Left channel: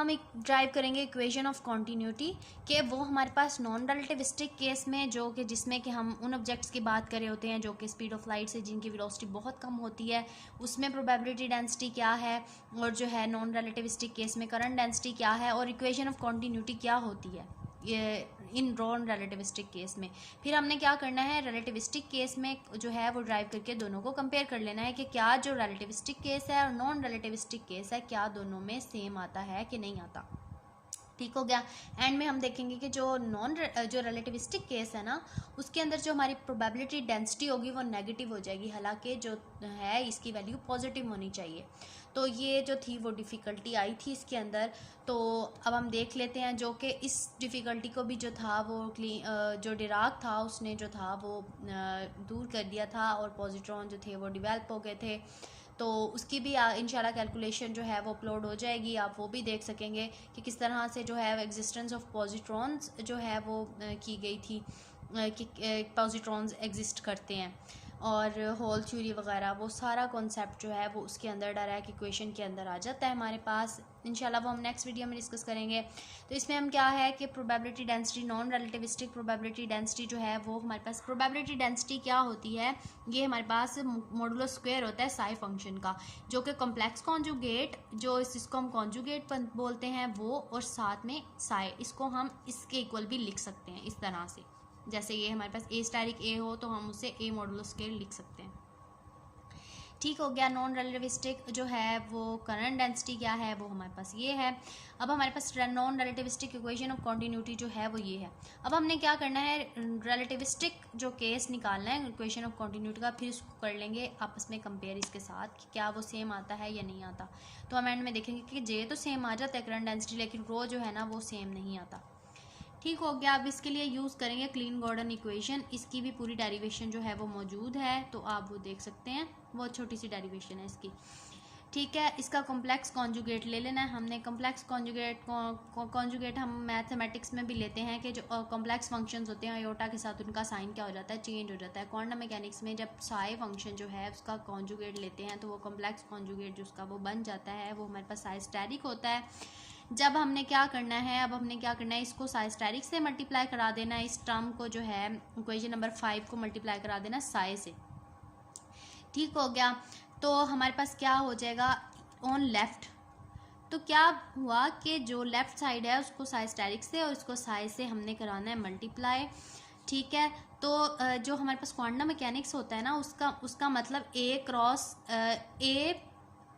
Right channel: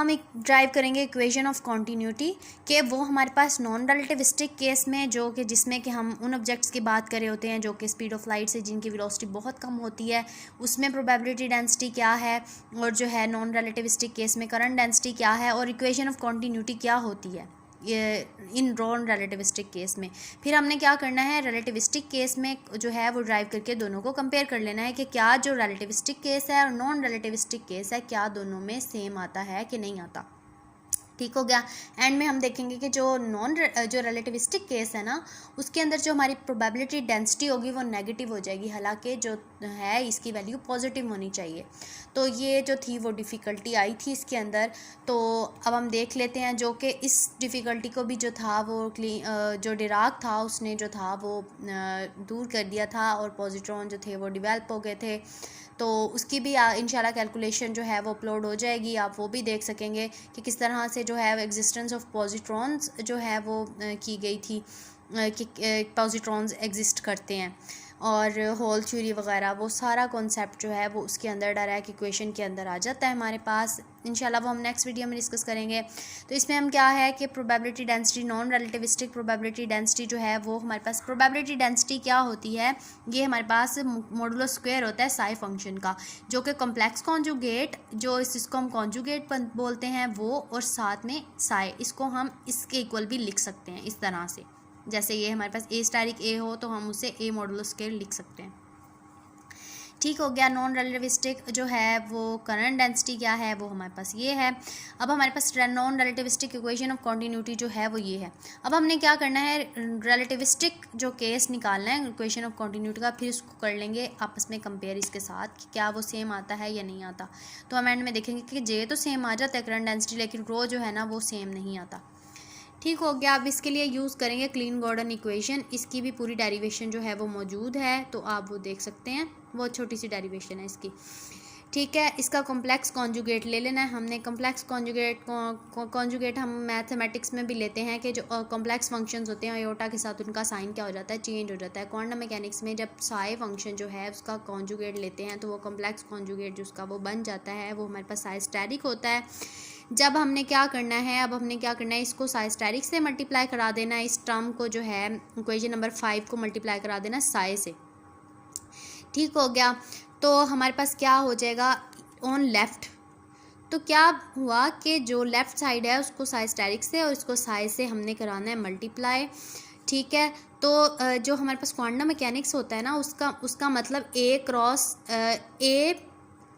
हम एक ड्राइव करेंगे इक्वेशन ऑफ कॉन्टीन्यूटी कि वो हमारे पास नॉन रिलेटिविस्टिक केस में जो कि जिसमें कि हम उन ऑब्जेक्ट्स की बात कर रहे होते हैं जो कि स्पीड ऑफ लाइट से जिनकी वेलोसिटी बहुत कम होती है, उसमें प्रोबेबिलिटी डेंसिटी क्या है, और जो है नॉन रिलेटिविस्टिक केस में करंट डेंसिटी क्या है, और इक्वेशन ऑफ कॉन्टीन्यूटी क्या होती है ये इन नॉन रिलेटिविस्टिक केस में। फिर हमने क्या करना है, रिलेटिविस्टिक केस में जो है वो ड्राइव करके दोनों को कंपेयर कर लेना है कि क्या जो रिलेटिविस्टिक केस है और नॉन रिलेटिविस्टिक केस है क्या दोनों में सेम आता है कि नहीं आता। ठीक हो गया। एंड में हम देखेंगे कि जो रिलेटिविस्टिक केस है ना, उसके अंदर जो हमारी प्रोबेबिलिटी डेंसिटी होगी वो नेगेटिव हो जाएगी, हालांकि जो है इसकी वैल्यू पॉजिटिव होनी चाहिए। तो ये जो थी वो डिफ़िकल्टी आई थी इसके अंदर। तो अब हम देख लेते हैं जो कि इस डिफ़िकल्टी को भी जो था वो जो डिराक था उसने जो था वो दूर कर दिया था, और पॉजिट्रॉन जो थे वो डिवेल्प हो गए थे। तो उसकी भी इंशाल्लाह कैलकुलेशन जो है वो अपलोड हो जाएगी, आप वो भी देख सकेंगे कि किस तरह से जो है एग्जिस्टेंस ऑफ पॉजिट्रॉन्स जो है वो की गई थी कि पॉजिट्रॉन्स एग्जिस्ट करते हैं, और होल थ्योरी वगैरह वो सारा कॉन्सेप्ट जो है वो उसके अंदर डायरेक्ट इक्वेशन के अंदर आ जाता है हमारे पास। इंशाल्लाह वो हम नेक्स्ट वीडियो में डिस्कस करेंगे। तो इसमें हम क्या है कि probability density, non relativistic probability density जो है वो हमारे पास, प्रोबेबिलिटी डेंसिटी क्या होती है, ये हमारे पास मॉडुलो स्क्वायर होता है साई फंक्शन का, जो कि कॉम्प्लेक्स कॉन्जुगेट जो इसको हम कॉन्जुगेट बोलते हैं वो, और साथ में साई, इसको हम इसके इक्वल भी लिख सकते हैं इस तरह से। जैसे ये हमारे पास ए स्टारिक ए हो तो हम उसे ए मॉडुलो स्क्वायर लिख सकते हैं। ठीक हो गया। नॉन रिलेटिविस्टिक जो है वो करंट डेंसिटी क्या है वो हमारे पास ये है। अब हमारे पास non relativistic equation of continuity जो है वो ये है। अब हमने क्या करना है, रिलेटिविस्टिक जो केस निकालना है इक्वेशन ऑफ कॉन्टीन्यूटी का, फिर उसको कर लेंगे आपस में कंपेयर इसके साथ कि क्या वो सेम आता है या नहीं आता। तो हम एंड में देखेंगे कि जे तो सेम आ जाता है करंट डेंसिटी, लेकिन रो जो है ना वो सेम नहीं आता। ठीक हो गया। अब इसके लिए यूज़ करेंगे क्लीन गॉर्डन इक्वेशन, इसकी भी पूरी डेरिवेशन जो है वो मौजूद है, तो आप वो देख सकते हैं, वो छोटी सी डेरिवेशन है इसकी। ठीक है, इसका कॉम्प्लेक्स कॉन्जुगेट ले लेना है हमने। कॉम्प्लेक्स कॉन्जुगेट हम मैथमेटिक्स में भी लेते हैं कि जो कॉम्प्लेक्स फंक्शंस होते हैं आयोटा के साथ उनका साइन क्या हो जाता है, चेंज हो जाता है। क्वांटम मैकेनिक्स में जब साई फंक्शन जो है उसका कॉन्जुगेट लेते हैं तो वो कॉम्प्लेक्स कॉन्जुगेट जो उसका वो बन जाता है, वो हमारे पास साइस्टेरिक होता है। जब हमने क्या करना है, अब हमने क्या करना है, इसको साइस्टेरिक से मल्टीप्लाई करा देना है, इस टर्म को जो है इक्वेशन नंबर 5 को मल्टीप्लाई करा देना साई से। ठीक हो गया। तो हमारे पास क्या हो जाएगा ऑन लेफ़्ट, तो क्या हुआ कि जो लेफ़्ट साइड है उसको साइस्टेरिक से और इसको साई से हमने कराना है मल्टीप्लाई। ठीक है, तो जो हमारे पास क्वांटम मैकेनिक्स होता है ना उसका मतलब ए क्रॉस ए,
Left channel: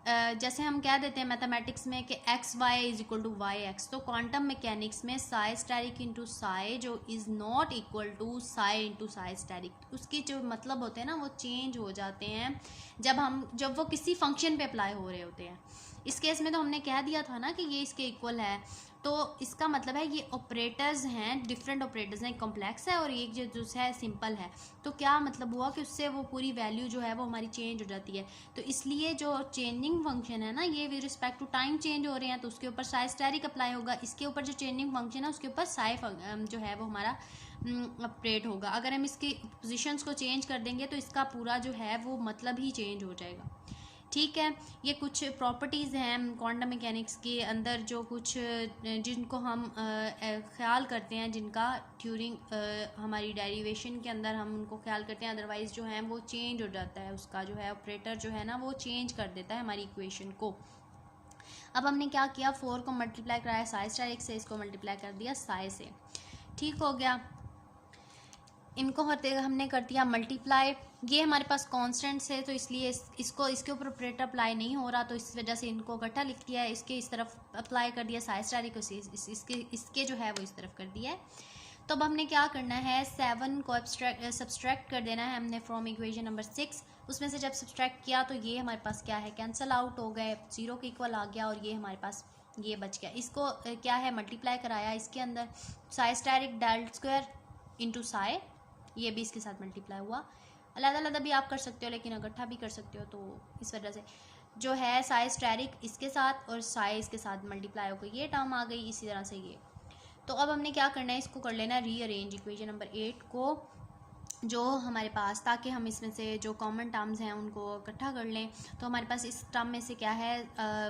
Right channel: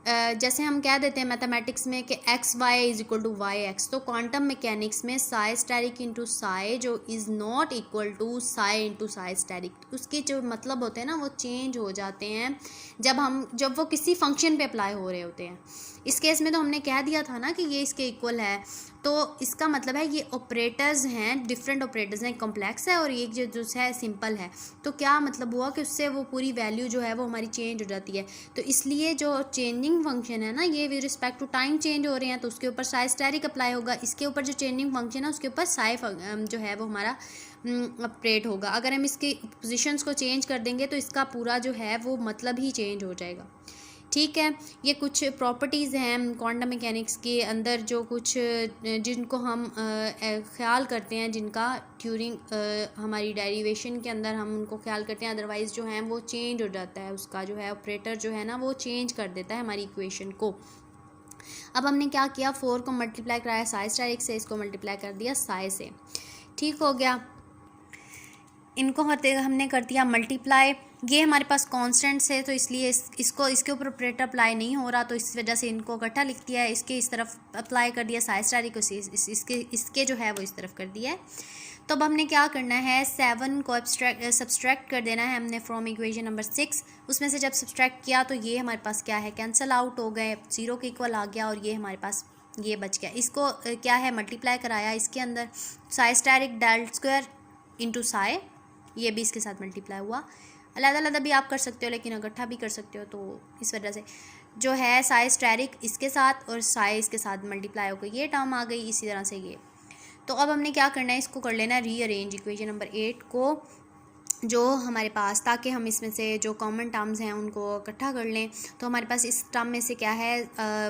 जैसे हम कह देते हैं मैथमेटिक्स में कि x y is equal to y x, तो क्वांटम मैकेनिक्स में साई स्टेरिक इंटू साई जो is not equal to psi into psi asterisk, उसके जो मतलब होते हैं ना वो चेंज हो जाते हैं जब वो किसी फंक्शन पे अप्लाई हो रहे होते हैं। इस केस में तो हमने कह दिया था ना कि ये इसके इक्वल है, तो इसका मतलब है ये ऑपरेटर्स हैं, डिफरेंट ऑपरेटर्स हैं, कॉम्प्लेक्स है और एक जो है सिंपल है। तो क्या मतलब हुआ कि उससे वो पूरी वैल्यू जो है वो हमारी चेंज हो जाती है। तो इसलिए जो चेंजिंग फंक्शन है ना ये with respect to time change हो रहे हैं तो उसके ऊपर साई स्टेरिक अप्लाई होगा, इसके ऊपर जो चेंजिंग फंक्शन है उसके ऊपर साई जो है वो हमारा ऑपरेट होगा। अगर हम इसके पोजिशंस को चेंज कर देंगे तो इसका पूरा जो है वो मतलब ही चेंज हो जाएगा। ठीक है, ये कुछ प्रॉपर्टीज़ हैं क्वांटम मैकेनिक्स के अंदर जो कुछ जिनको हम ख्याल करते हैं, जिनका ड्यूरिंग हमारी डेरिवेशन के अंदर हम उनको ख्याल करते हैं, अदरवाइज़ जो है वो चेंज हो जाता है, उसका जो है ऑपरेटर जो है ना वो चेंज कर देता है हमारी इक्वेशन को। अब हमने क्या किया, 4 को मल्टीप्लाई कराया साई स्टेरिक से, इसको मल्टीप्लाई कर दिया साई से। ठीक हो गया, इनको हमने कर दिया मल्टीप्लाई। ये हमारे पास कांस्टेंट्स है तो इसलिए इसके ऊपर ऑपरेटर अप्लाई नहीं हो रहा, तो इस वजह से इनको इकट्ठा लिख दिया है, इसके इस तरफ अप्लाई कर दिया साई स्टेरिक को, इसके जो है वो इस तरफ कर दिया है। तो अब हमने क्या करना है, 7 को सब्सट्रैक्ट कर देना है हमने फ्रॉम इक्वेशन नंबर 6। उसमें से जब सब्सट्रैक्ट किया तो ये हमारे पास क्या है, कैंसिल आउट हो गए, 0 के इक्वल आ गया, और ये हमारे पास ये बच गया। इसको क्या है मल्टीप्लाई कराया इसके अंदर, psi asterisk del square into psi, ये भी इसके साथ मल्टीप्लाई हुआ। अलग-अलग भी आप कर सकते हो लेकिन इकट्ठा भी कर सकते हो, तो इस वजह से जो है साई स्टेरिक इसके साथ और साई इसके साथ मल्टीप्लाई हो गई, ये टर्म आ गई, इसी तरह से ये। तो अब हमने क्या करना है, इसको कर लेना है रीअरेंज, इक्वेशन नंबर 8 को जो हमारे पास, ताकि हम इसमें से जो कॉमन टर्म्स हैं उनको इकट्ठा कर लें। तो हमारे पास इस टर्म में से क्या है,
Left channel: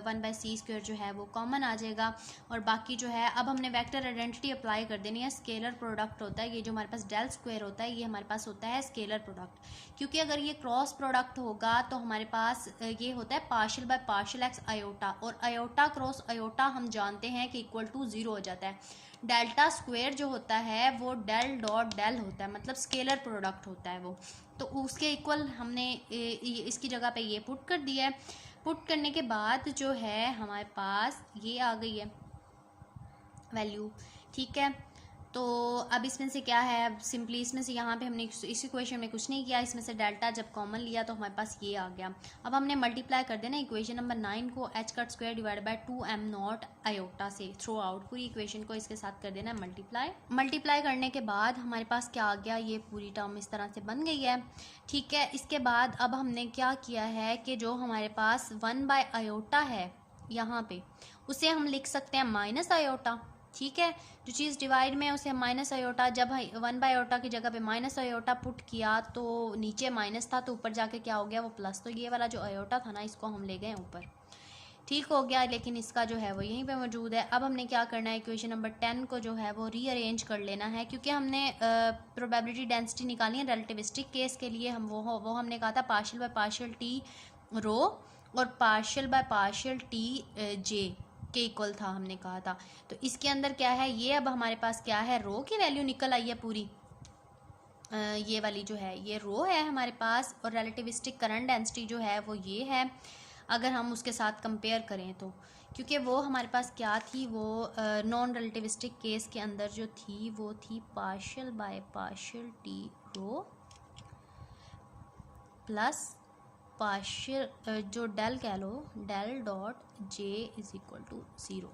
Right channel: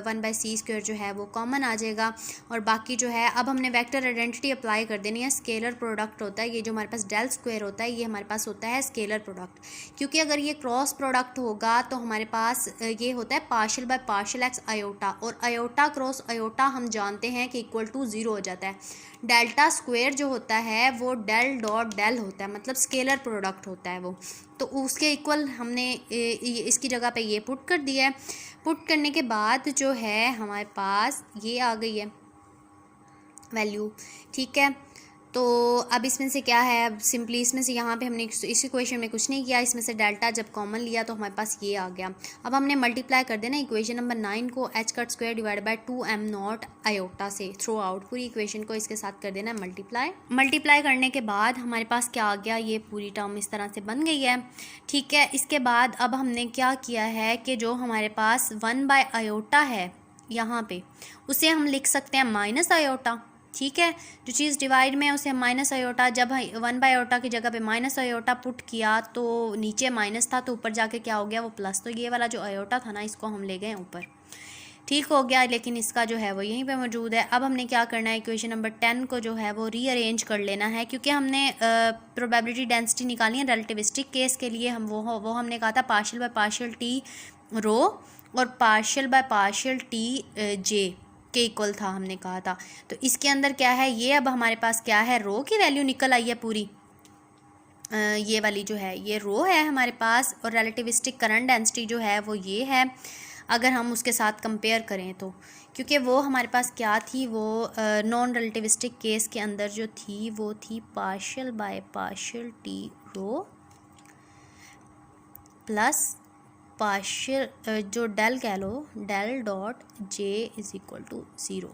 1/c² जो है वो कॉमन आ जाएगा। और बाकी जो है, अब हमने वेक्टर आइडेंटिटी अप्लाई कर देनी है। स्केलर प्रोडक्ट होता है ये, जो हमारे पास डेल स्क्वायर होता है ये हमारे पास होता है स्केलर प्रोडक्ट, क्योंकि अगर ये क्रॉस प्रोडक्ट होगा तो हमारे पास ये होता है partial by partial x iota, और आयोटा क्रॉस आयोटा हम जानते हैं कि इक्वल टू 0 हो जाता है। डेल्टा स्क्वायर जो होता है वो डेल डॉट डेल होता है, मतलब स्केलर प्रोडक्ट होता है वो, तो उसके इक्वल हमने इसकी जगह पे ये पुट कर दिया है। पुट करने के बाद जो है हमारे पास ये आ गई है वैल्यू, ठीक है। तो अब इसमें से क्या है, अब सिंपली इसमें से यहाँ पे हमने इस इक्वेशन में कुछ नहीं किया, इसमें से डेल्टा जब कॉमन लिया तो हमारे पास ये आ गया। अब हमने मल्टीप्लाई कर देना इक्वेशन नंबर 9 को h² divide by 2m0 iota से थ्रू आउट, पूरी इक्वेशन को इसके साथ कर देना मल्टीप्लाई करने के बाद हमारे पास क्या आ गया, ये पूरी टर्म इस तरह से बन गई है, ठीक है। इसके बाद अब हमने क्या किया है कि जो हमारे पास 1/आयोटा है यहाँ पे, उसे हम लिख सकते हैं माइनस आयोटा, ठीक है। जो चीज़ डिवाइड में है उसे माइनस आयोटा, जब 1/आयोटा की जगह पे माइनस आयोटा पुट किया तो नीचे माइनस था तो ऊपर जाके क्या हो गया, वो प्लस, तो ये वाला जो आयोटा था ना इसको हम ले गए ऊपर, ठीक हो गया। लेकिन इसका जो है वो यहीं पे मौजूद है। अब हमने क्या करना है, इक्वेशन नंबर 10 को जो है वो रीअरेंज कर लेना है, क्योंकि हमने प्रोबेबिलिटी डेंसिटी निकाली है रिलेटिविस्टिक केस के लिए। हम वो हमने कहा था पार्शियल बाय पार्शियल टी रो और पार्शियल बाय पार्शियल टी जे के इक्वल था, हमने कहा था। तो इसके अंदर क्या है, ये अब हमारे पास क्या है, रो की वैल्यू निकल आई है पूरी, ये वाली जो है ये रो है हमारे पास, और रिलेटिविस्टिक करंट डेंसिटी जो है वो ये है, अगर हम उसके साथ कंपेयर करें तो, क्योंकि वो हमारे पास क्या थी, वो नॉन रिलेटिविस्टिक केस के अंदर जो थी वो थी partial by partial T rho plus partial जो डेल कह लो del dot J is equal to 0।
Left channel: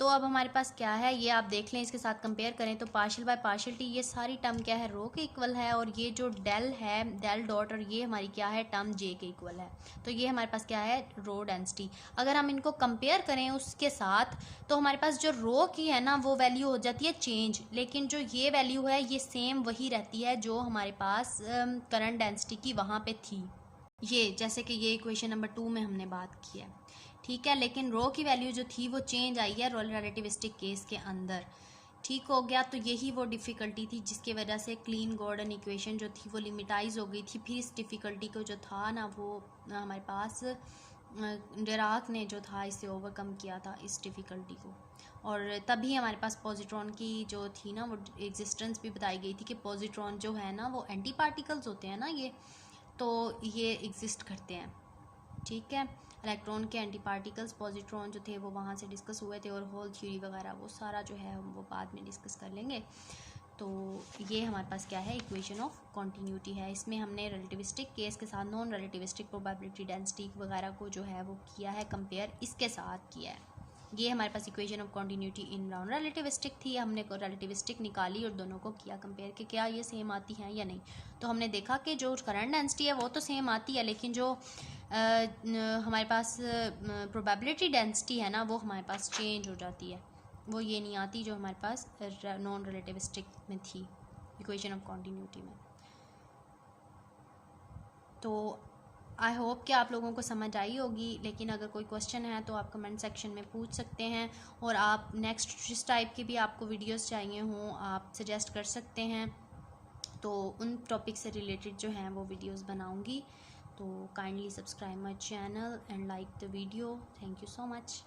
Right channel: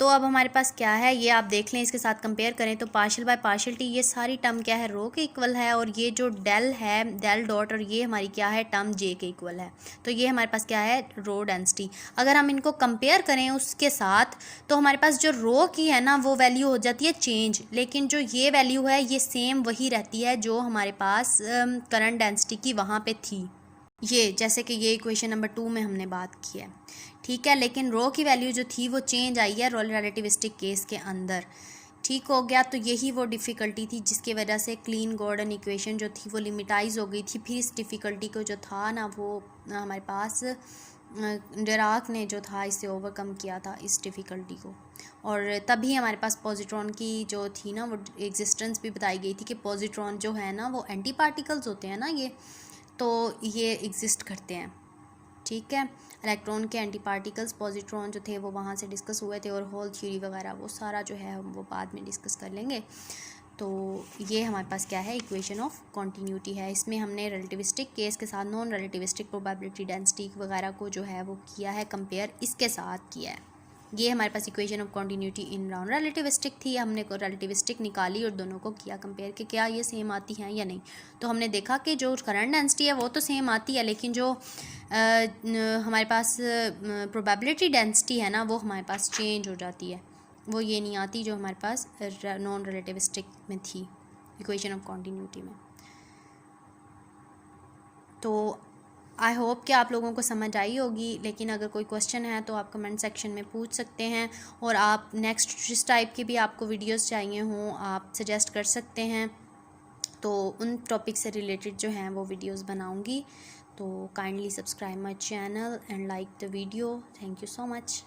तो अब हमारे पास क्या है, ये आप देख लें, इसके साथ कंपेयर करें तो पार्शियल बाय पार्शियल टी ये सारी टर्म क्या है, रो के इक्वल है, और ये जो डेल है डेल डॉट, और ये हमारी क्या है टर्म जे के इक्वल है। तो ये हमारे पास क्या है, रो डेंसिटी। अगर हम इनको कंपेयर करें उसके साथ तो हमारे पास जो रो की है ना वो वैल्यू हो जाती है चेंज, लेकिन जो ये वैल्यू है ये सेम वही रहती है जो हमारे पास करंट डेंसिटी की वहाँ पर थी, ये जैसे कि ये इक्वेशन नंबर 2 में हमने बात की है, ठीक है। लेकिन रो की वैल्यू जो थी वो चेंज आई है रिलेटिविस्टिक केस के अंदर, ठीक हो गया। तो यही वो डिफ़िकल्टी थी जिसकी वजह से क्लीन गॉर्डन इक्वेशन जो थी वो लिमिटाइज हो गई थी। फिर इस डिफ़िकल्टी को जो था ना वो हमारे पास डिराक ने जो था इसे ओवरकम किया था इस डिफ़िकल्टी को, और तभी हमारे पास पॉजिट्रॉन की जो थी ना वो एग्जिस्टेंस भी बताई गई थी कि पॉजिट्रॉन जो है ना वो एंटी पार्टिकल्स होते हैं ना ये, तो ये एग्जिस्ट करते हैं, ठीक है। इलेक्ट्रॉन के एंटी पार्टिकल्स पॉजिट्रॉन जो थे वो वहाँ से डिस्कस हुए थे, और होल थ्योरी वगैरह वो सारा जो है हम वो बाद में डिस्कस कर लेंगे। तो ये हमारे पास क्या है, इक्वेशन ऑफ कॉन्टीन्यूटी है। इसमें हमने रिलेटिविस्टिक केस के साथ नॉन रिलेटिविस्टिक प्रोबेबिलिटी डेंसिटी वगैरह को जो है वो किया है कंपेयर, इसके साथ किया है। ये हमारे पास equation of continuity in non relativistic थी, हमने को रिलेटिविस्टिक निकाली और दोनों को किया कंपेयर कि क्या ये सेम आती हैं या नहीं। तो हमने देखा कि जो करंट डेंसिटी है वो तो सेम आती है, लेकिन जो हमारे पास प्रोबेबिलिटी डेंसिटी है ना वो हमारे पास चेंज हो जाती है, वो ये नहीं आती जो हमारे पास नॉन रिलेटिविस्टिक में थी इक्वेशन ऑफ कॉन्टीन्यूटी में। तो आई होप कि आप लोगों को समझ आई होगी, लेकिन अगर कोई क्वेश्चन है तो आप कमेंट सेक्शन में पूछ सकते हैं, और आप नेक्स्ट जिस टाइप की भी आपको वीडियोस चाहिए हों आप सजेस्ट कर सकते हैं, तो उन टॉपिक से रिलेटेड जो हैं वो वीडियोस बनाऊंगी। तो kindly subscribe my channel and like the video. Thank you so much.